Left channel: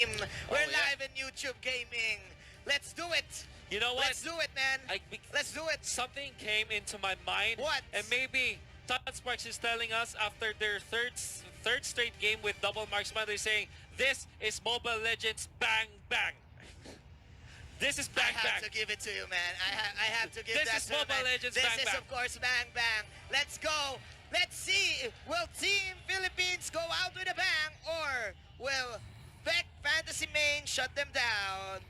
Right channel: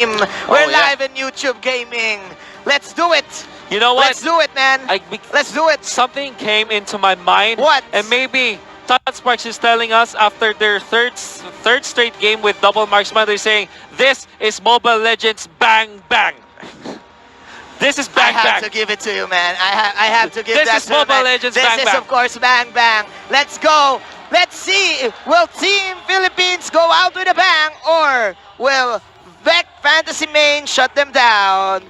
We're live in YouTube Gaming. Let's do it. You know what? Let's do it, man. Let's do it. Something came into my mind. What? And maybe Sunsparks is telling us after their third straight game with double marksman, they're saying, this is Mobile Legends bang bang. This is bang bang. I have to give it to you, man. I have to give this that is to you, Mobile man. Legends this bang is, bang. of course, bang bang. Let's go. Let's see. Will Team Philippines go out with a bang, or will Vec Fantasy Main shut them down?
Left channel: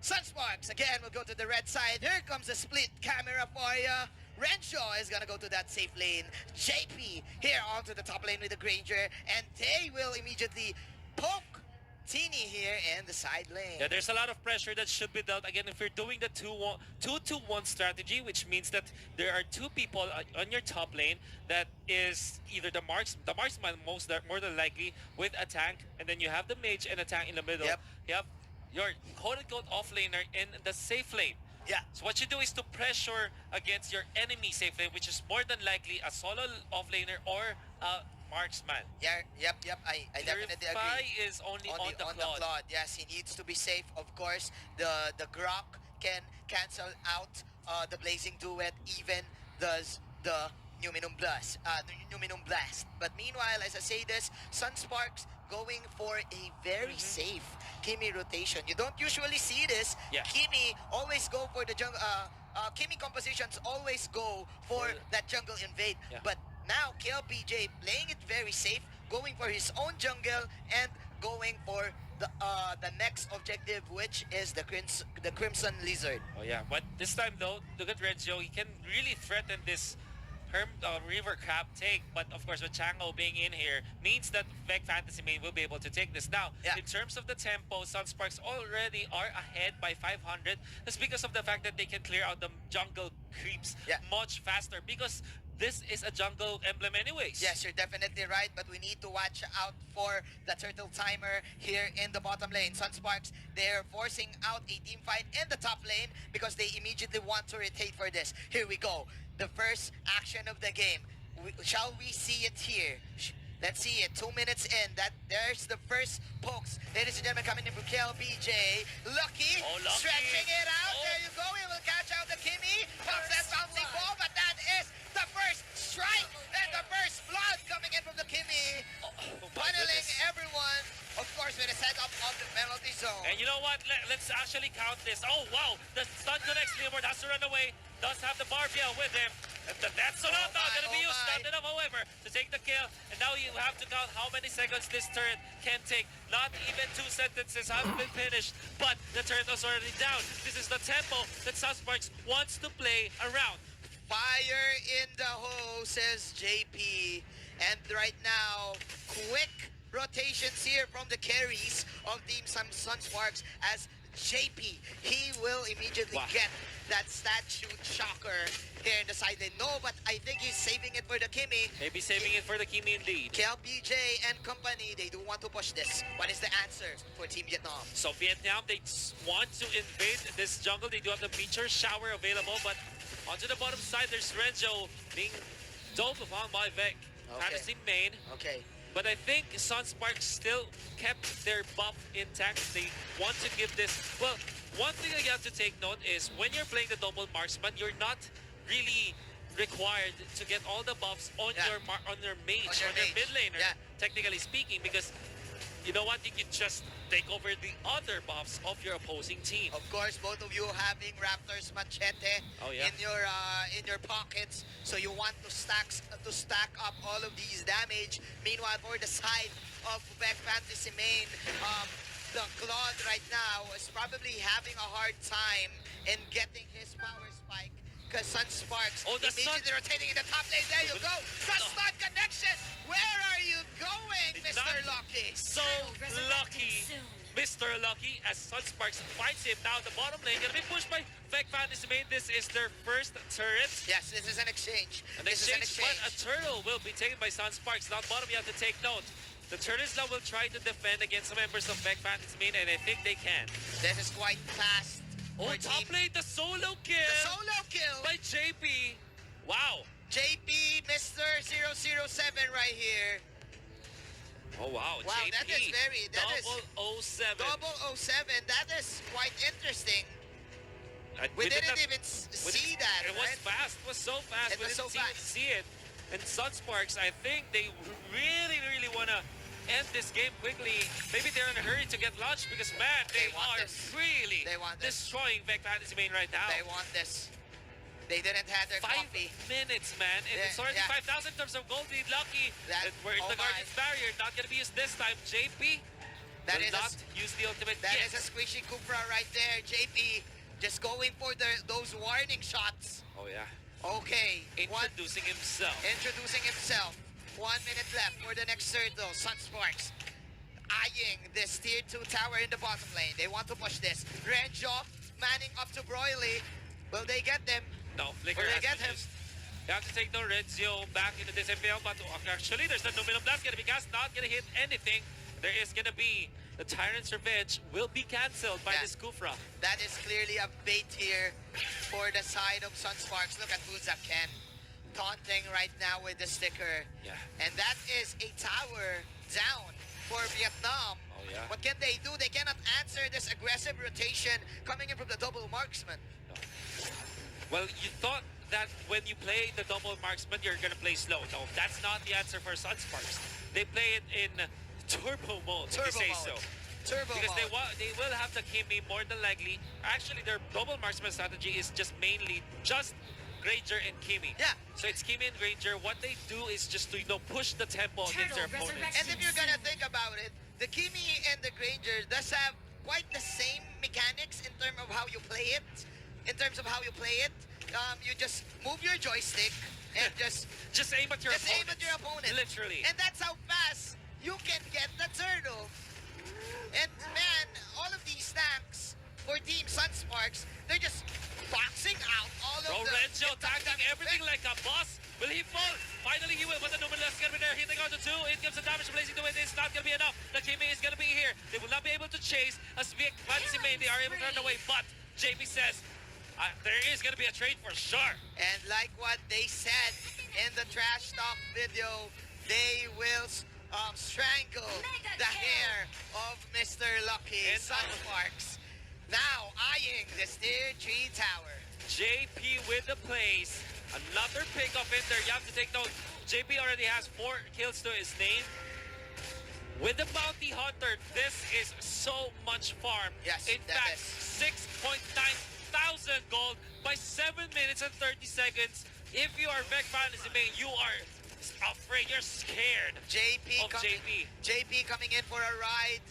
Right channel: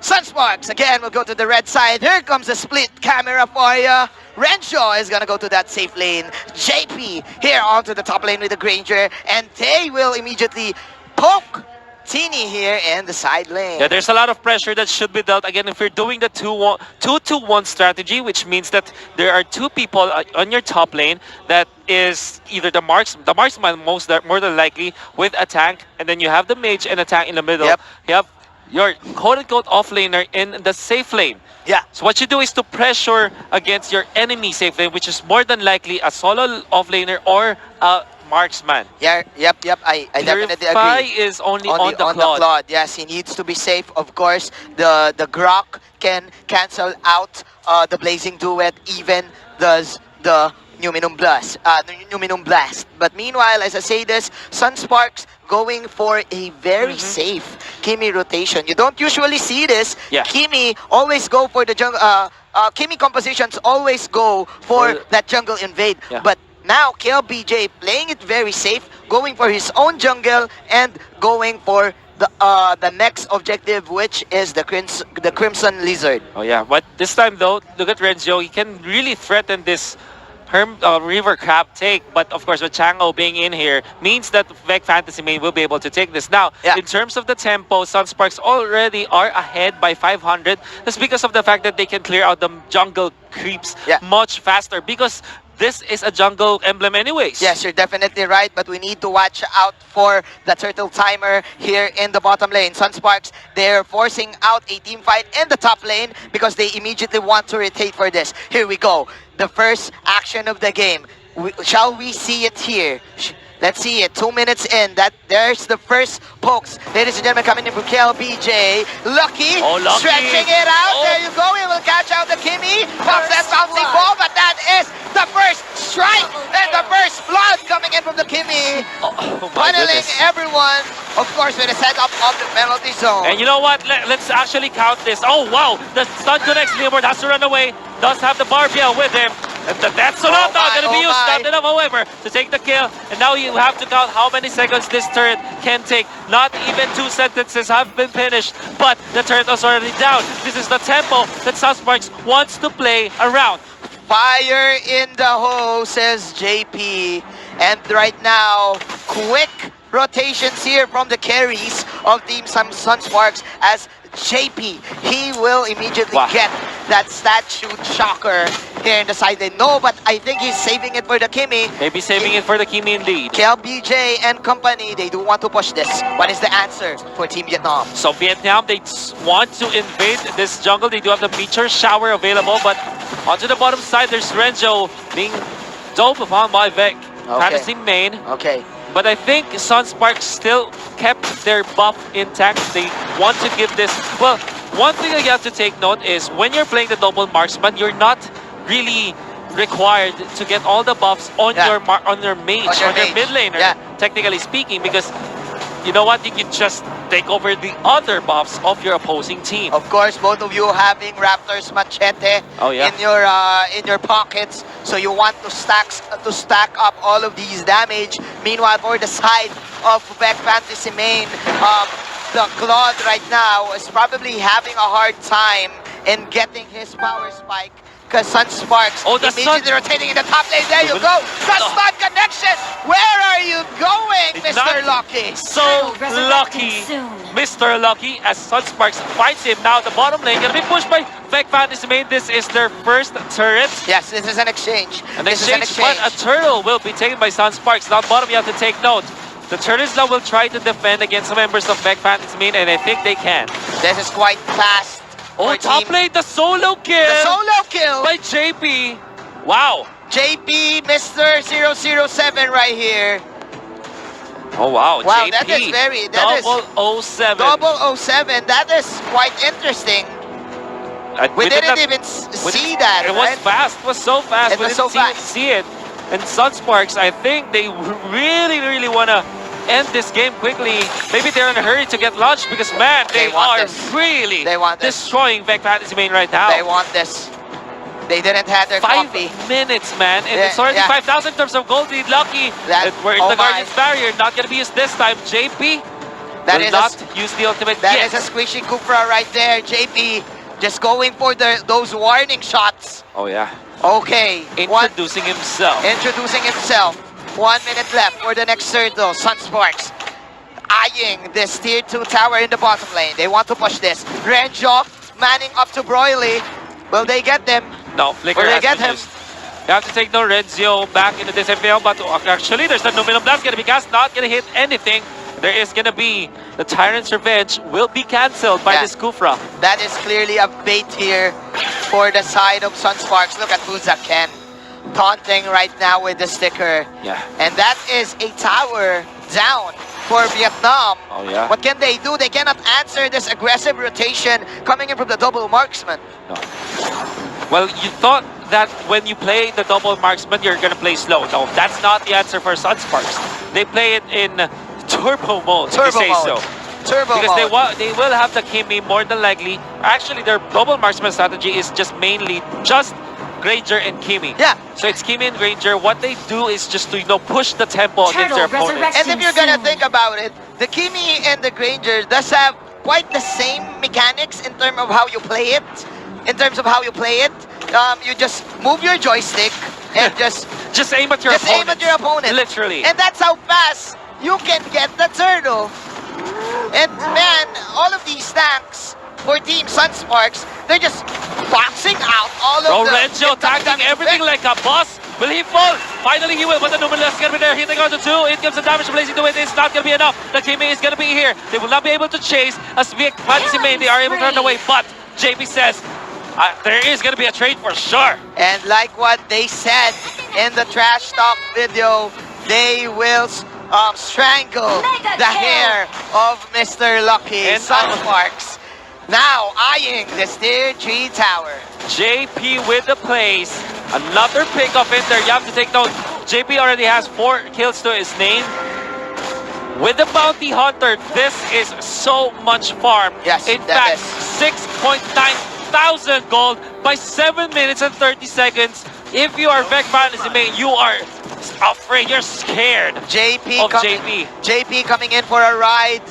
Sunsparks again will go to the red side. Here comes the split camera for you. Rencho is gonna go to that safe lane. JP here onto the top lane with the Granger, and they will immediately poke Teeny here in the side lane. Yeah, there's a lot of pressure that should be dealt. Again, if you're doing the 2-2-1 strategy, which means that there are two people on your top lane that is either the marksman more than likely with a tank, and then you have the mage and a tank in the middle. Yep. You have your quote-unquote off-laner in the safe lane. Yeah. So what you do is to pressure against your enemy safe lane, which is more than likely a solo off-laner or a marksman. Yeah, yep. I definitely agree. Is only on the Claude. Yes, he needs to be safe. Of course, the Grok can cancel out the Blazing Duet, even does the Numinum Blast. But meanwhile, as I say this, Sunsparks going for a very safe Kimmy rotation. You don't usually see this. Yeah. Kimmy always go for the jungle. Kimmy compositions always go for that jungle invade. Yeah. But now KLBJ playing it very safe, going for his own jungle and going for the next objective, which is the Crimson Lizard. Oh yeah, but this time though, look at Renzo. He can really threaten this River Crab take, but of course with Chango being in here means that Vec Fantasy Main will be able to take this. Now, in terms of the tempo, Sunsparks already are ahead by 500. That's because of the fact that they can clear out the jungle creeps much faster, because this is a jungle emblem anyways. Yes, you're definitely right, but we need to watch out for the turtle timer here in the bottom lane. Sunsparks, they're forcing out a team fight in the top lane because they immediately want to rotate for this. Here we go. The first action of the game. Shall we see it here? Let's see it. 2 minutes in. There's the first pokes. Ladies and gentlemen, coming in from KLBJ. Lucky. Lucky. Stretching it out. There you go. He will catch out the Kimmy. Pops that bouncing ball, but that is the first strike and the first blood coming in from the Kimmy. Funneling everyone, of course, with a setup of the penalty zone. And you know what? Let's actually count this. Oh, wow. The stun connects. Leomord has to run away. Does have the Barbia with him. And that's a lot now going to be used. Not enough, however, to take the kill. And now you have to count how many seconds this turret can take. Not even 2 sentences have been finished, but the turret is already down. This is the tempo that Sunsparks wants to play around. Fire in the hole, says JP. And right now, quick rotations here from the carries of Team Sunsparks as JP, he will immediately get that statue shocker here in the side lane. No, but I think he's saving it for the Kimmy. Maybe saving it for the Kimmy indeed. KLBJ and company, they do want to push this. What is the answer for Team Vietnam? So Vietnam, they want to invade this jungle. They do have the Meteor Shower available, but onto the bottom side, there's Renzo being doped upon by Vec. Fantasy Main. Okay. But I think Sunsparks still kept their buff intact. They want to give this... Well, one thing that you have to take note is when you're playing the double marksman, you're not really required to get all the buffs on your mage, on your mid laner, technically speaking, because you know what? You can just take over the other buffs of your opposing team. Of course, both of you having Raptor's Machete in your pockets, so you want to stack up all of these damage. Meanwhile, for the side of Vec Fantasy Main, the Claude right now is probably having a hard time in getting his power spike, because Sunsparks immediately rotating in the top lane. There you go. The stun connection. Where are you going, Mr. Lucky? So lucky, Mr. Lucky, as Sunsparks fights him. Now the bottom lane gonna be pushed by Vec Fantasy Main. This is their first turret. Yes, this is an exchange. An exchange, but a turtle will be taken by Sunsparks. Down bottom, you have to take note. The turtles now will try to defend against some members of Vec Fantasy Main, and I think they can. This is quite fast. Top lane, the solo kill! The solo kill! By JP. Wow. JP, Mr. 007 right here. Oh wow, Wow, JP. that is very... Double 07. Double 07. That is quite interesting. We didn't even see that, It was fast. It was so fast. It We was didn't so fast. see it. And Sunsparks, I think they really want to end this game quickly. Maybe they're in a hurry to get launched because, man, they are really destroying Vec Fantasy Main right now. They want this. They didn't have their 5 coffee. minutes, man. And it's already 5,000 in terms of gold lead. Lucky. We're in the Guardian's Barrier. Not going to be used this time. JP will not use the ultimate That yet. is a squishy Kufra right there. JP just going for those warning shots. Oh, yeah. Okay. Introducing himself. 1 minute left for the next turtle. Sunsparks eyeing this tier 2 tower in the bottom lane. They want to push this. Renjo manning up to Broily. Will they get them? No, Flicker Will they has get been him? used. You have to take no Renzio back into this FPL, but actually there's the Numinum Blast going to be cast, not going to hit anything. There is going to be the Tyrant's Revenge will be cancelled by this Kufra. That is clearly a bait here for the side of Sunsparks. Look at Fuzaken taunting right now with the sticker. Yeah. And that is a tower down for Vietnam. Oh, yeah. What can they do? They cannot answer this aggressive rotation coming in from the double marksman. No. Well, you thought that when you play the double marksman, you're going to play slow. No, that's not the answer for Sunsparks. They play it in turbo mode, if you say so. Turbo because mode. they will have the Kimmy more than likely. Actually, their double marksman strategy is just mainly just Granger and Kimmy. Yeah. So it's Kimmy and Granger. What they do is just to, you know, push the tempo against their opponents. And if you're gonna think about it, the Kimmy and the Granger does have quite the same mechanics in terms of how you play it. You just move your joystick and just aim at your opponent. Literally. And that's how fast you can get the turtle. And man, all of these tanks for Team Sunsparks, they're just boxing out all of the... Renjo attacking everything like a boss. Will he fall? Finally he will, but the Numinous is going to be there, hitting on the 2. It gives the damage to Blazing to it. It's not going to be enough. The Kimmy is going to be here. They will not be able to chase. As Vic Fantasy Main, they are able to run away, but JP says, there is going to be a trade for sure. And like what they said in the trash talk video, they will strangle the hair of Mr. Lucky. And Sunsparks now eyeing this tier 3 tower. JP with the plays. Another pickup in there. You have to take note. JP already has 4 kills to his name. With the Bounty Hunter, this is so much farm. Yes, in fact, 6.9 thousand gold by 7 minutes and 30 seconds. If you are Vec Fantasy Main, you are afraid, you're scared JP coming in for a ride.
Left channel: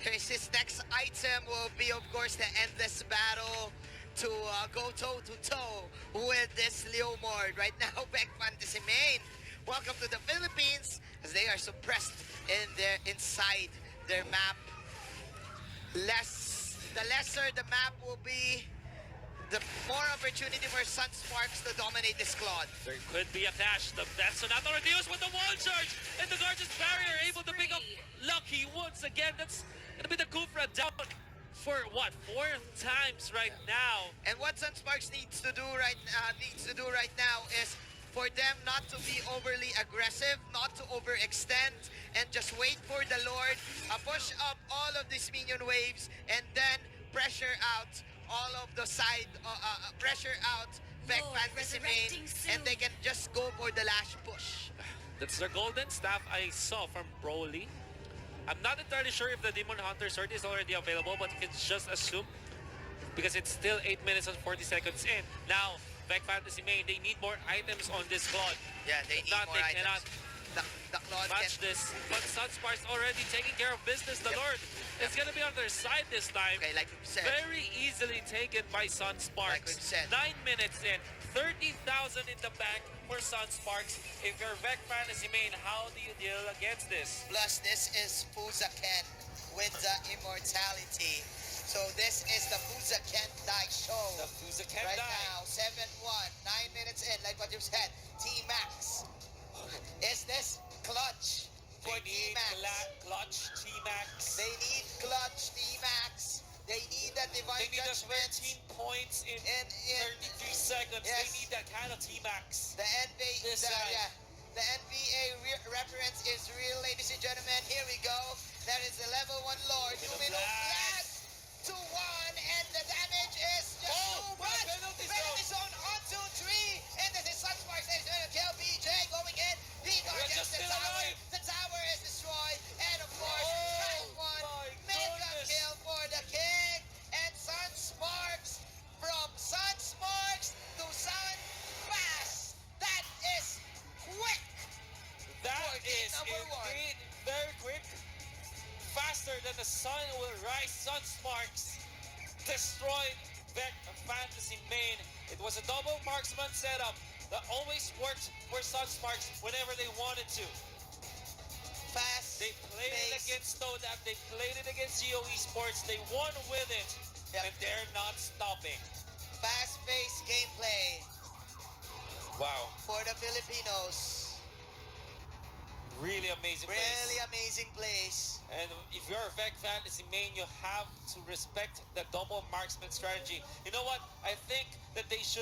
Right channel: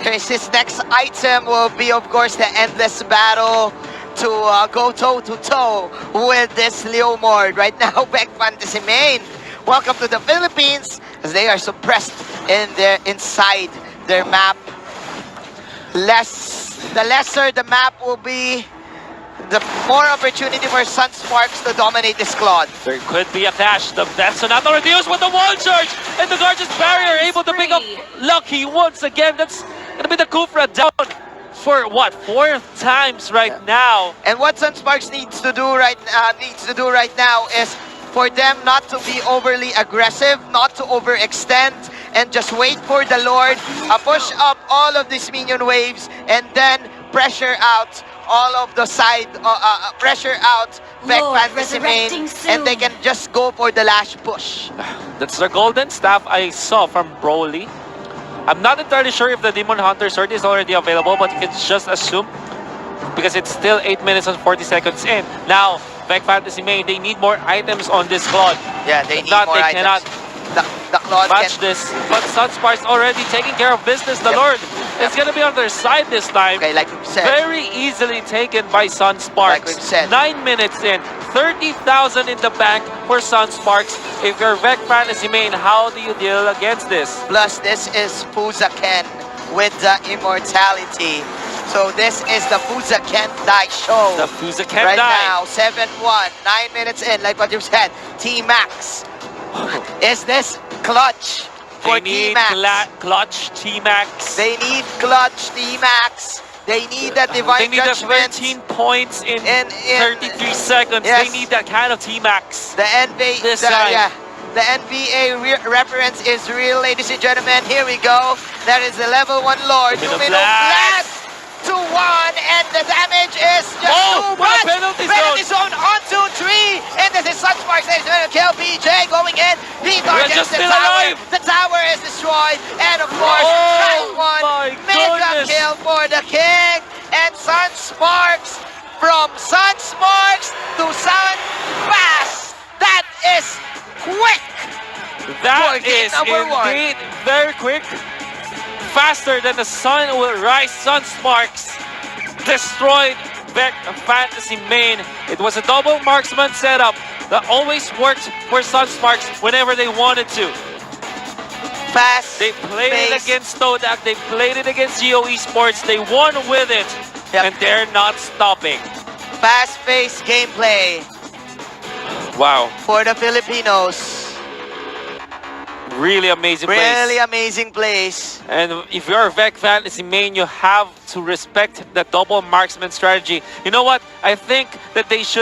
His next item will be, of course, the endless battle to go toe-to-toe with this Leomord. Right now, Vec Fantasy Main, welcome to the Philippines, as they are suppressed inside their map. The lesser the map will be, the more opportunity for Sunsparks to dominate this squad. There could be a clash. That's not already used with the wall charge, and the Guardian's Barrier able to pick up Lucky once again. That's gonna be the Kufra down for what, 4th times right now. And what Sunsparks needs to do right now is for them not to be overly aggressive, not to overextend, and just wait for the Lord, push up all of these minion waves, and then pressure out all of the side, pressure out Vec Fantasy Main, and they can just go for the last push. That's the golden staff I saw from Broly. I'm not entirely sure if the Demon Hunter sword is already available, but you can just assume because it's still 8 minutes and 40 seconds in. Now, Vec Fantasy Main, they need more items on this Claude. Yeah, they need more items. Cannot the Claude match this. But Sunsparks already taking care of business. The Lord is going to be on their side this time. Okay, like we've said. Very easily taken by Sunsparks. Like we've said. 9 minutes in. 30,000 in the bank for Sunsparks. If you're Vec Fantasy Main, how do you deal against this? Plus, this is Fuzaken with the immortality. So this is the Fuzaken Die show. The Fuzaken right Die. Now, 7-1, 9 minutes in, like what you said. T-Max. Is this clutch for T-Max? Clutch T-Max. They need clutch T-Max. They need that divine judgment. They need 13 points in 33 seconds. Yes. They need that kind of T-Max. The The NBA reference is real, ladies and gentlemen. Here we go. That is the level 1 Lord. Domino Blast to 1, and the damage is just too much. Penalty zone on 2-3, and this is sunsparks. There's going to kill PJ going in. He targets the tower. The tower is destroyed, and of course, round 1 mega kill for the king, and sunsparks from sunsparks to sunfast. That is quick. That is indeed very quick. Faster than the sun will rise. Sunsparks destroyed Vec Fantasy main. It was a double marksman setup that always worked for Sunsparks whenever they wanted to. Fast. They played it against Todak. They played it against Geo Esports. They won with it, and they're not stopping. Fast-paced gameplay. Wow. For the Filipinos. Really amazing plays. Really amazing plays. And if you're a Vec Fantasy main, you have to respect the double marksman strategy. You know what? I think that they should